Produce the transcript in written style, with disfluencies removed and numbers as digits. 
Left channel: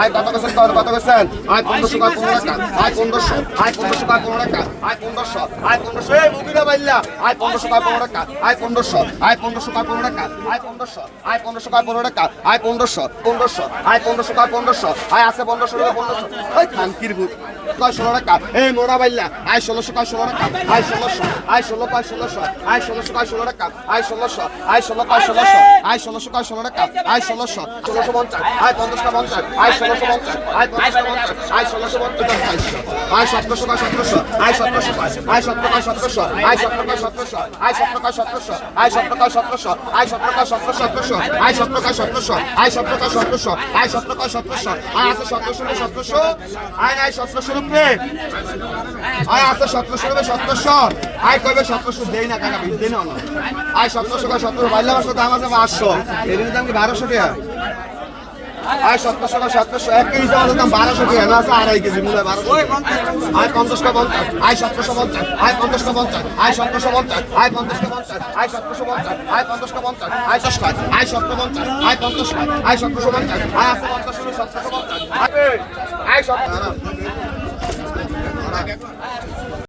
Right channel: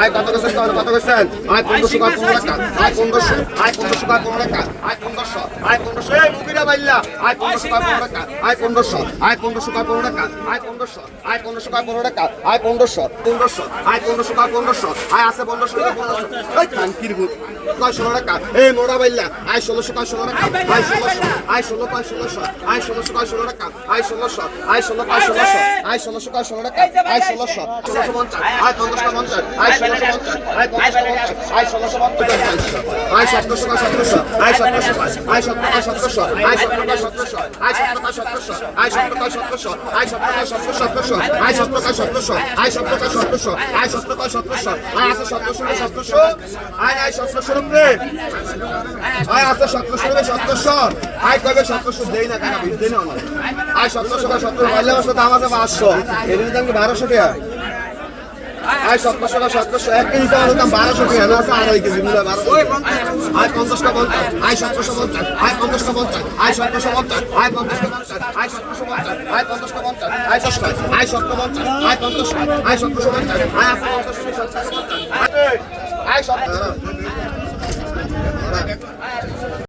আয় কত করছেন কত করছেন আয় 1500 টাকা আয় 1500 আয় 1500 টাকা আয় 1500 আয় 1500 এই মুগিরা বাইল্লা আয় 1500 টাকা আয় 1500 আয় 1500 টাকা আয় 1500 আয় 1500 টাকা আয় 1500 1500 আয় 1500 টাকা 1500 আয় আছে 1500 1500 আয় খানকির ভূত কয় 16 টাকা এই মোড়া বাইল্লা আয় 1600 কয় 16 টাকা আয় 1600 আয় 16 কয় 1600 আয় 1600 কয় 16 টাকা আয় 1600 আয় 16 কয় 1600 আয় 1600 কয় 16 টাকা আয় 1600 1650 আয় 1550 আয় 1650 আয় 1550 আয় 1650 আয় 1700 কয় 1700 আয় 1700 আয় 1700 কয় 1700 আয় 1700 আয় 1700 আয় 1700 কয় 1700 আয় 1700 কয় 1700 আয় 1700 কয় 1700 আয় 1700 কয় 1700 আয় 1700 কয় 1700 আয় 1700 কয় 1700 আয় আছে 1700 আয় 1700 আয় আছে 1700 আয় কবে 1700 দেই না কেন দেই না আয় 1700 কয় 1700 মাইলা বসে দাম আছে 500 এর দাম কি 1200 টাকা আয় 1700 টাকা 1700 এক কেজি চাল দাম 1200 টাকা না আছে আড়াই কেজি মিলা 1200 আয় 50 টাকা 50 আয় 750 আয় 50 টাকা 50 আয় 750 আয় 50 টাকা 50 আয় 750 আয় 50 টাকা 50 আয় 60 আয় 750 আয় 50 আয় 750 আয় 50 আয় 750 আয় 7